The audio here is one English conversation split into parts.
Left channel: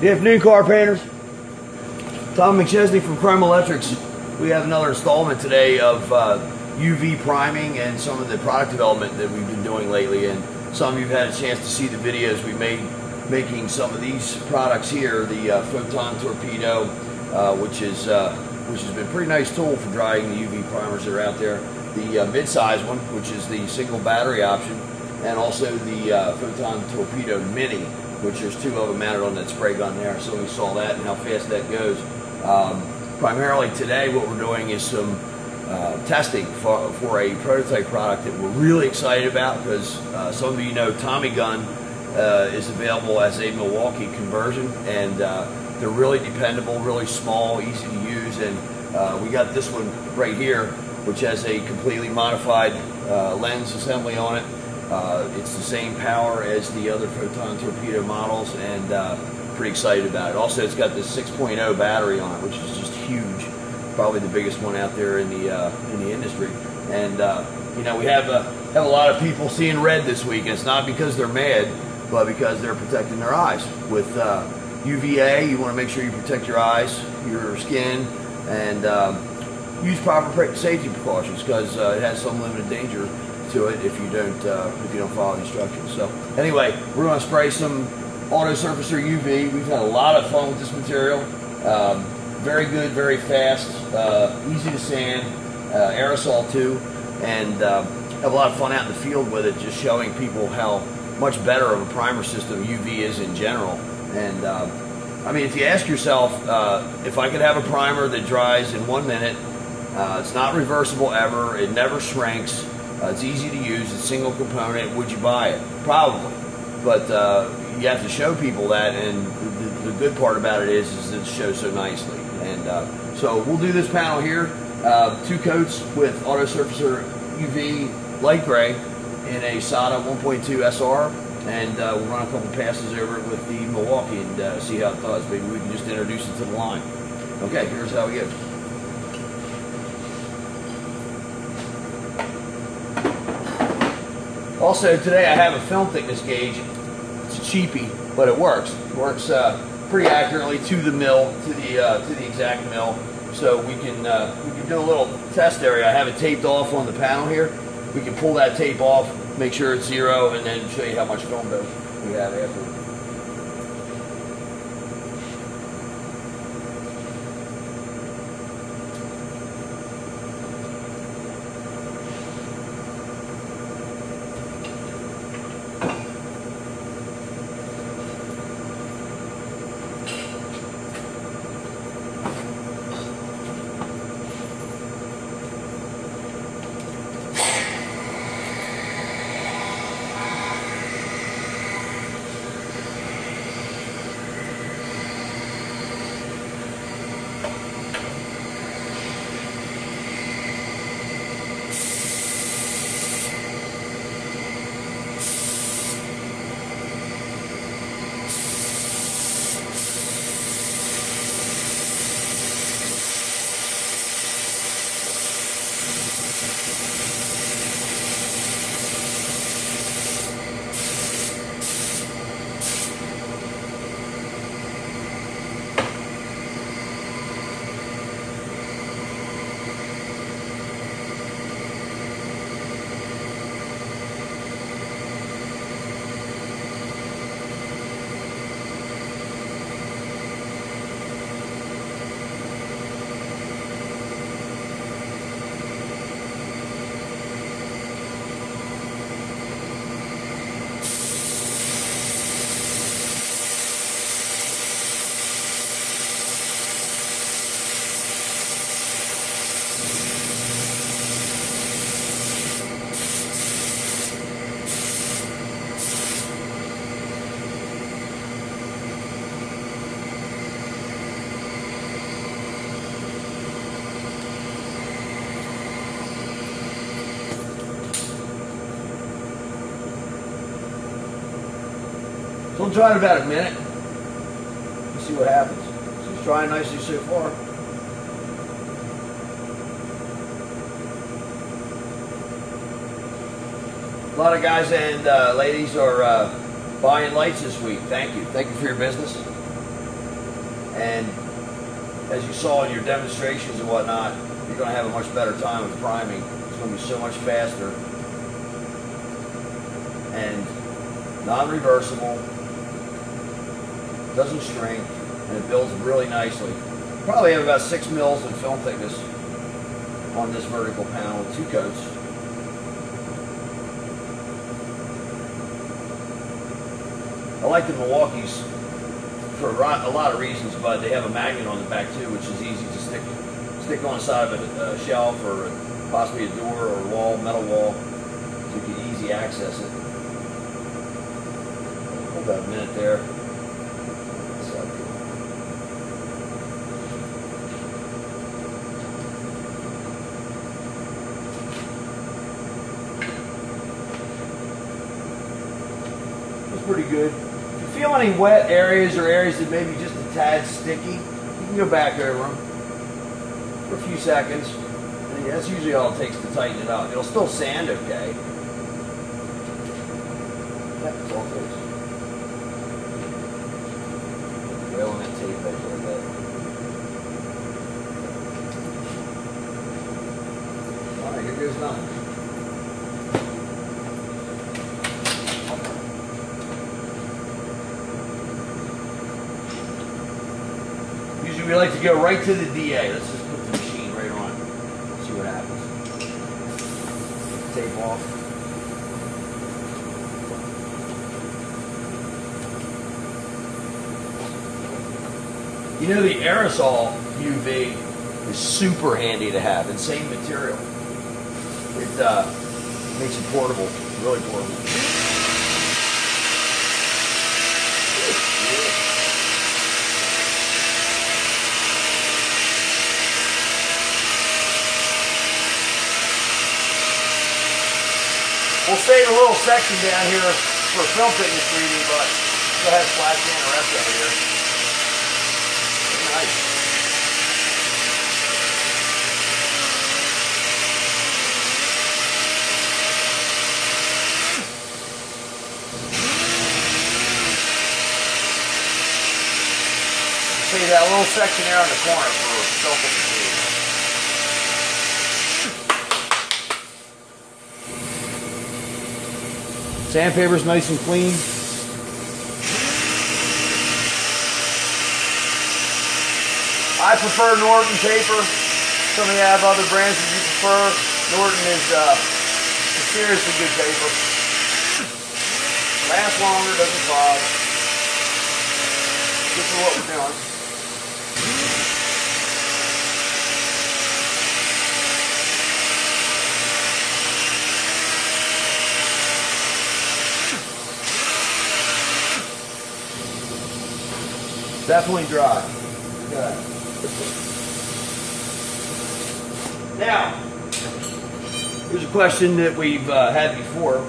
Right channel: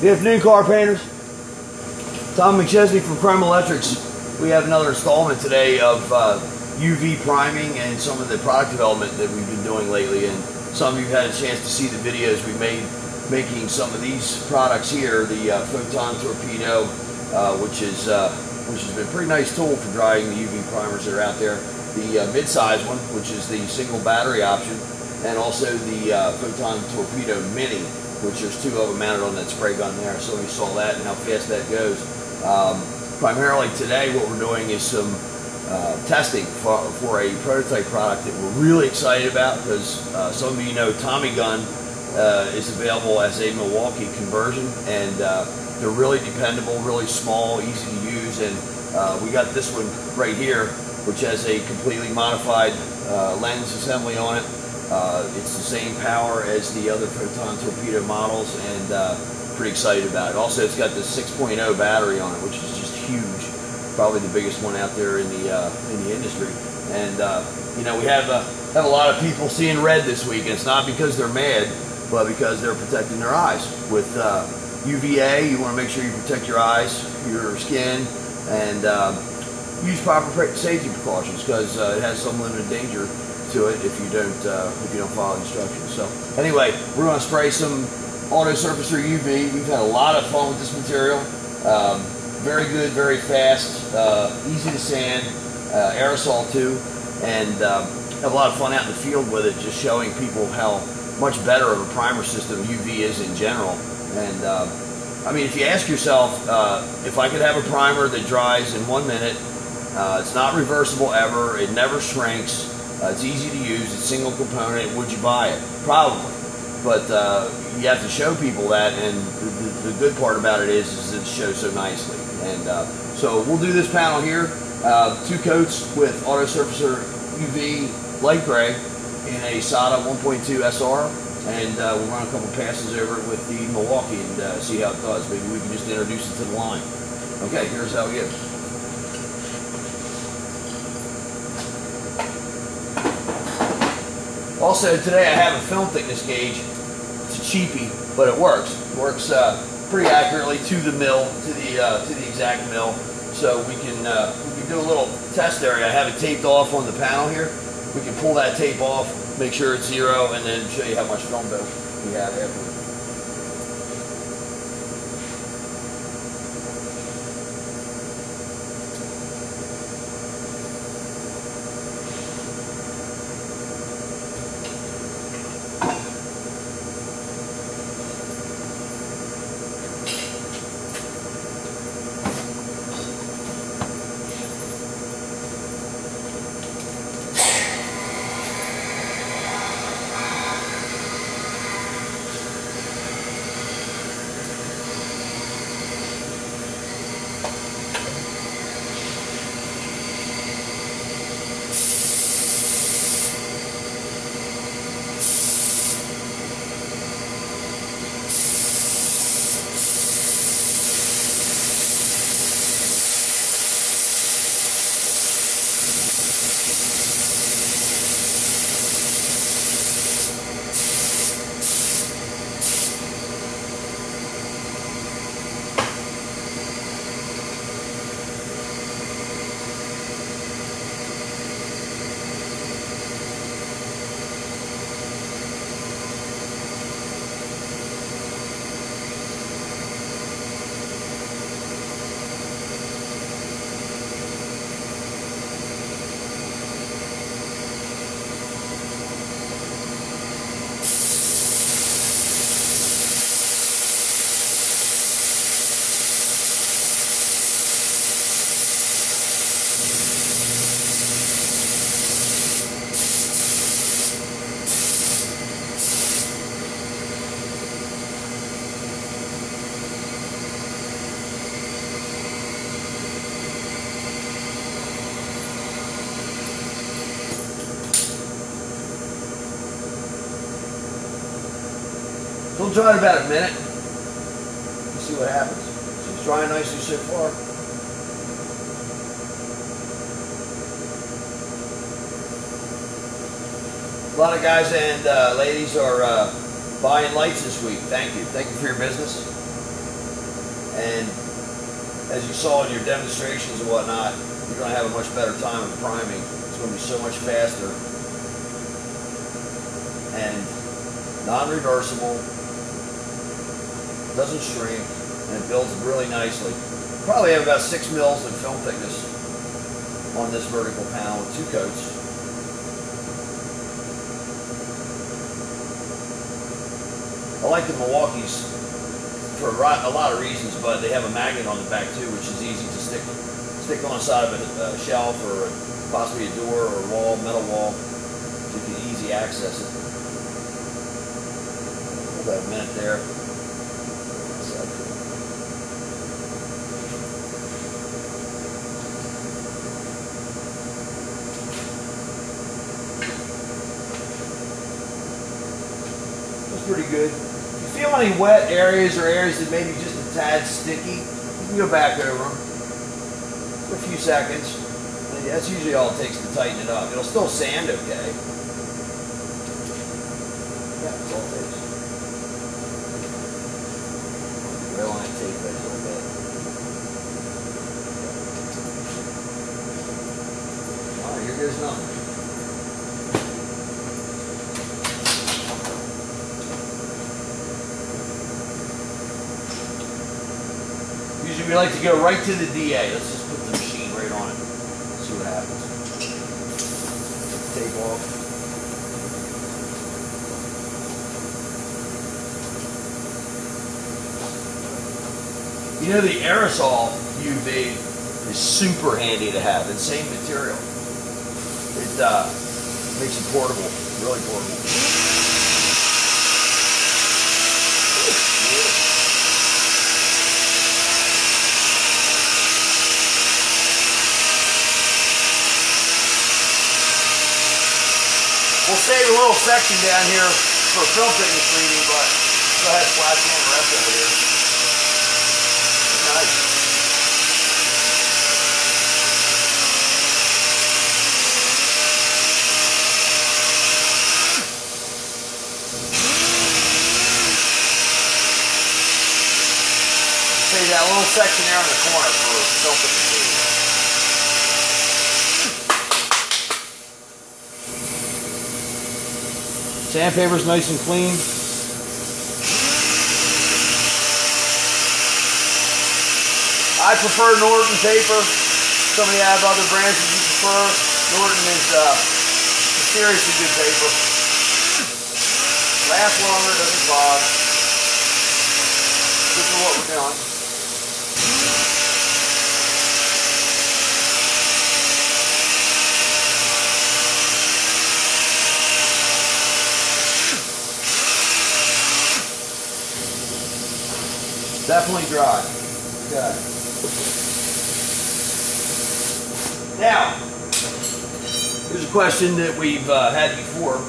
Good afternoon, car painters. Tom McChesney from Chrome Electrics. We have another installment today of UV priming and some of the product development that we've been doing lately. And some of you have had a chance to see the videos we made making some of these products here. The Photon Torpedo, which has been a pretty nice tool for drying the UV primers that are out there. The mid-size one, which is the single battery option, and also the Photon Torpedo Mini, which there's two of them mounted on that spray gun there. So we saw that and how fast that goes. Primarily today what we're doing is some testing for a prototype product that we're really excited about, because some of you know TommyGunn is available as a Milwaukee conversion, and they're really dependable, really small, easy to use. And we got this one right here, which has a completely modified lens assembly on it. It's the same power as the other Photon Torpedo models, and pretty excited about it. Also, it's got the 6.0 battery on it, which is just huge, probably the biggest one out there in the industry. And you know, we have a lot of people seeing red this week, and it's not because they're mad, but because they're protecting their eyes. With UVA, you want to make sure you protect your eyes, your skin, and use proper safety precautions, because it has some limited danger to it if you don't follow the instructions. So anyway, we're going to spray some auto surfacer UV. We've had a lot of fun with this material. Very good, very fast, easy to sand, aerosol too, and have a lot of fun out in the field with it, just showing people how much better of a primer system UV is in general. And I mean, if you ask yourself, if I could have a primer that dries in 1 minute, it's not reversible ever, it never shrinks, it's easy to use, it's single component, would you buy it? Probably. But you have to show people that, and the good part about it is it shows so nicely. And so we'll do this panel here, 2 coats with auto surfacer UV light gray in a SATA 1.2 SR, and we'll run a couple passes over it with the Milwaukee and see how it does. Maybe we can just introduce it to the line. Okay, here's how we go. Also today I have a film thickness gauge. It's a cheapie, but it works. It works pretty accurately to the mill, to the exact mill. So we can do a little test area. I have it taped off on the panel here. We can pull that tape off, make sure it's 0, and then show you how much film dose we have afterwards. We'll dry it about a minute. Let's see what happens. So it's drying nicely so far. A lot of guys and ladies are buying lights this week. Thank you. Thank you for your business. And as you saw in your demonstrations and whatnot, you're going to have a much better time of priming. It's going to be so much faster and non-reversible, doesn't shrink, and it builds really nicely. Probably have about 6 mils in film thickness on this vertical panel with 2 coats. I like the Milwaukee's for a lot of reasons, but they have a magnet on the back too, which is easy to stick on the side of a shelf or possibly a door or a wall, metal wall, so you can easy access it. About a minute there. It's pretty good. If you feel any wet areas or areas that may be just a tad sticky, you can go back over them for a few seconds. And that's usually all it takes to tighten it up. It'll still sand okay. Yeah, that's all it takes. Oil that tape back a little bit. Alright, here goes nothing. Usually we like to go right to the DA. Let's just put the machine right on it. See what happens. Tape off. You know, the aerosol UV is super handy to have. It's same material. It makes it portable, really portable. We'll save a little section down here for film thickness reading, but go ahead and flash in the rest of it here. Nice. See that little section there in the corner for film thickness reading. Sandpaper's nice and clean. I prefer Norton paper. Some of you have other brands that you prefer. Norton is seriously good paper. Lasts longer, doesn't fog. Good for what we're doing. Definitely dry. Good. Now, here's a question that we've had before.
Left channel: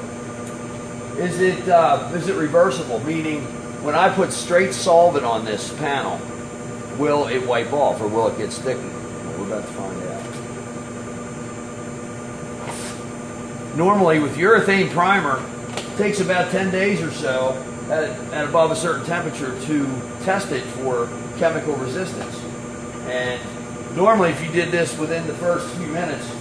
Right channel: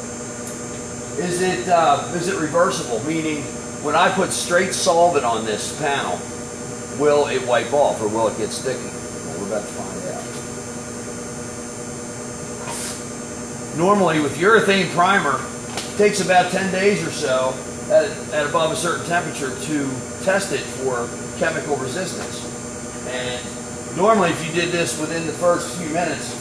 Is it reversible? Meaning, when I put straight solvent on this panel, will it wipe off or will it get sticky? Well, we're about to find out. Normally, with urethane primer, it takes about 10 days or so at above a certain temperature to test it for chemical resistance. And normally if you did this within the first few minutes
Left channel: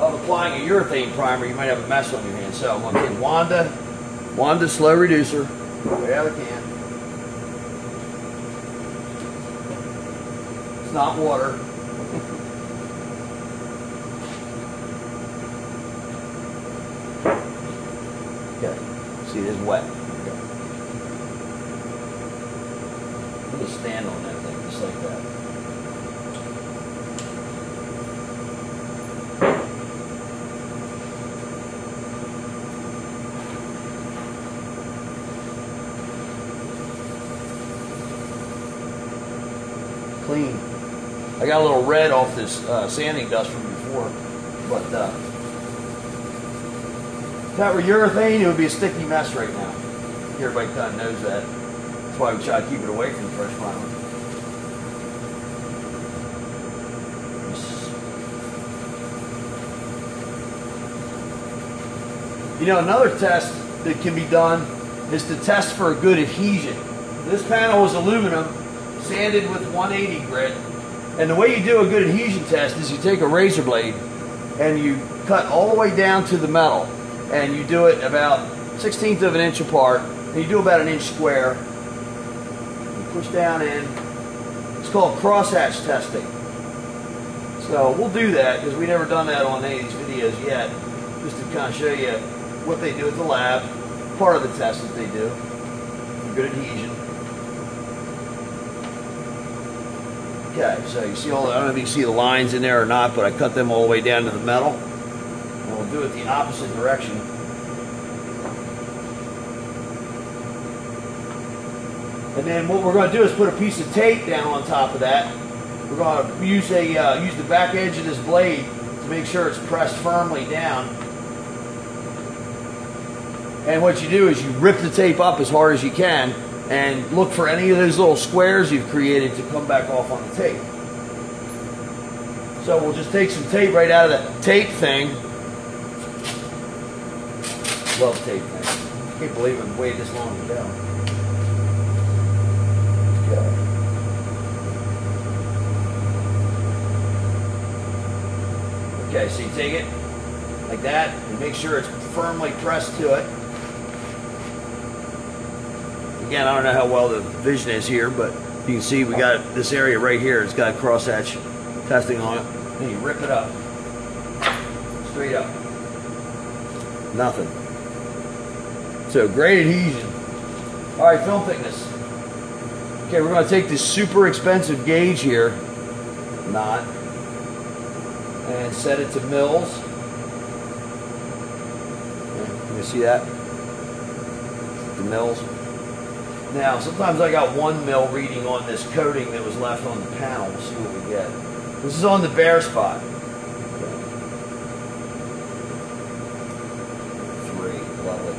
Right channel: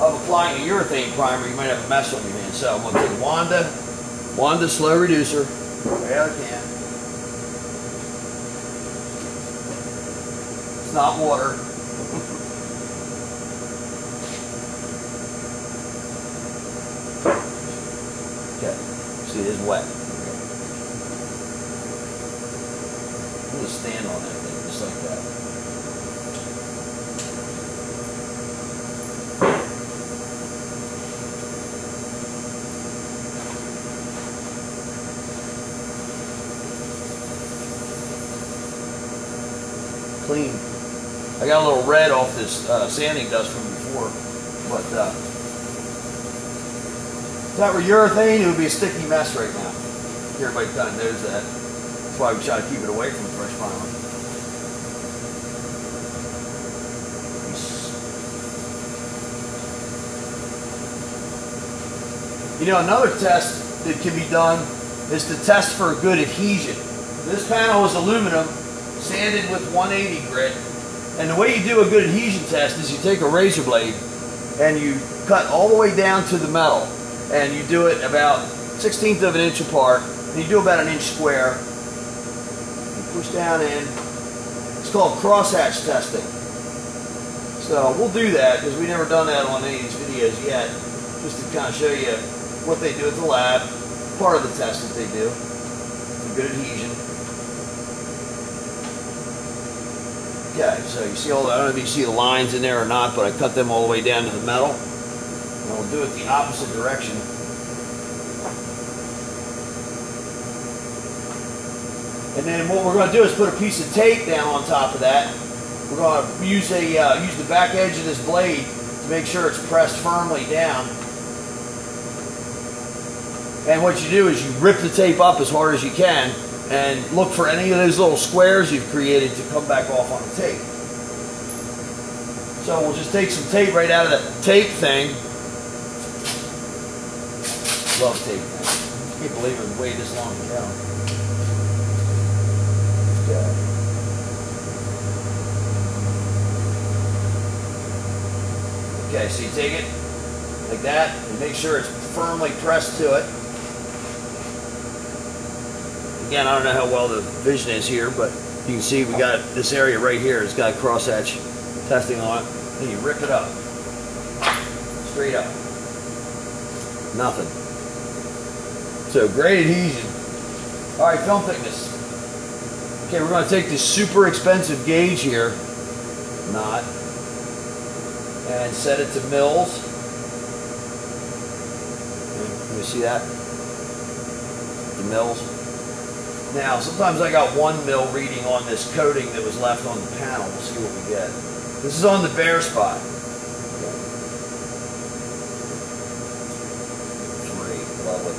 of applying a urethane primer, you might have a mess on your hands. So I'm going to take Wanda slow reducer, way out of the can. It's not water. Okay, see, it is wet. Just stand on that thing, just like that. Clean. I got a little red off this sanding dust from before, but if that were urethane, it would be a sticky mess right now. Everybody kind of knows that. That's why we try to keep it away from the fresh primer. You know, another test that can be done is to test for a good adhesion. This panel is aluminum, sanded with 180 grit. And the way you do a good adhesion test is you take a razor blade and you cut all the way down to the metal, and you do it about 1/16 of an inch apart, and you do about an inch square. You push down in. It's called crosshatch testing. So we'll do that because we've never done that on any of these videos yet, just to kind of show you what they do at the lab, part of the test that they do for good adhesion. Okay, so you see all the, I don't know if you see the lines in there or not, but I cut them all the way down to the metal. And we'll do it the opposite direction. And then what we're going to do is put a piece of tape down on top of that. We're going to use the back edge of this blade to make sure it's pressed firmly down. And what you do is you rip the tape up as hard as you can and look for any of those little squares you've created to come back off on the tape. So we'll just take some tape right out of the tape thing. Love tape thing. I can't believe I've waited this long to go. Okay, so you take it like that and make sure it's firmly pressed to it. Again, I don't know how well the vision is here, but you can see we got this area right here. It's got crosshatch testing on it. And you rip it up. Straight up. Nothing. So great adhesion. All right, film thickness. Okay, we're going to take this super expensive gauge here, and set it to mils. Okay, can you see that? The mils. Now, sometimes I got 1 mil reading on this coating that was left on the panel. We'll see what we get. This is on the bare spot. 3, lovely.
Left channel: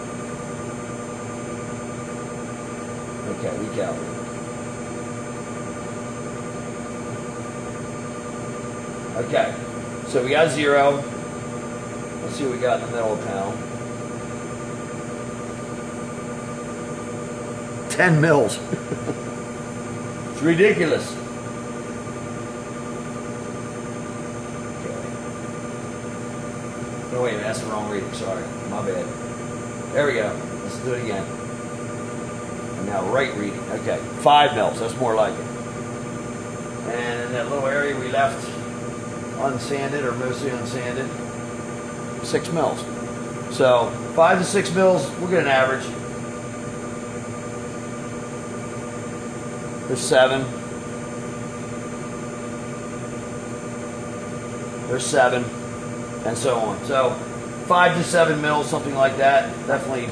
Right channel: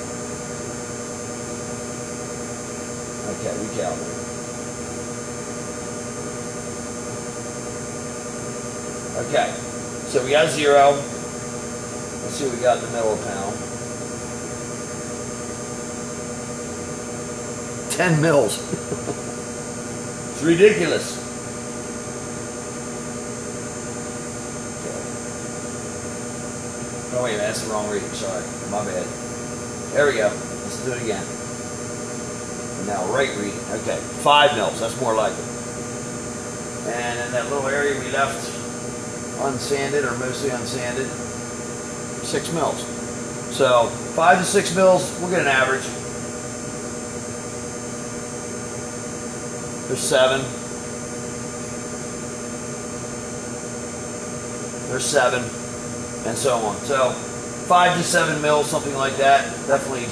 Okay, we calibrate. Okay, so we got 0. Let's see what we got in the middle of the panel. 10 mils. It's ridiculous. Okay. Oh wait a minute, that's the wrong reading, sorry. My bad. There we go. Let's do it again. And now right reading. Okay, 5 mils, that's more like it. And in that little area we left unsanded, or mostly unsanded, 6 mils. So 5 to 6 mils, we'll get an average. There's 7. There's 7, and so on. So 5 to 7 mils, something like that. Definitely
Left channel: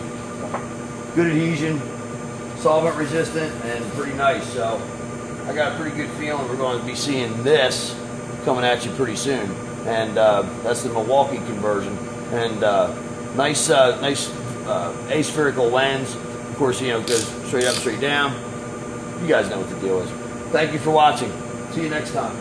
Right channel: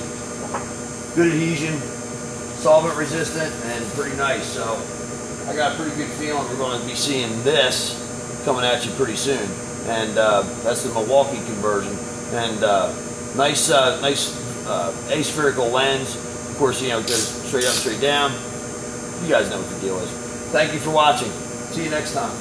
good adhesion, solvent resistant, and pretty nice. So I got a pretty good feeling we're going to be seeing this coming at you pretty soon. And that's the Milwaukee conversion. And nice aspherical lens. Of course, you know, it goes straight up, straight down. You guys know what the deal is. Thank you for watching. See you next time.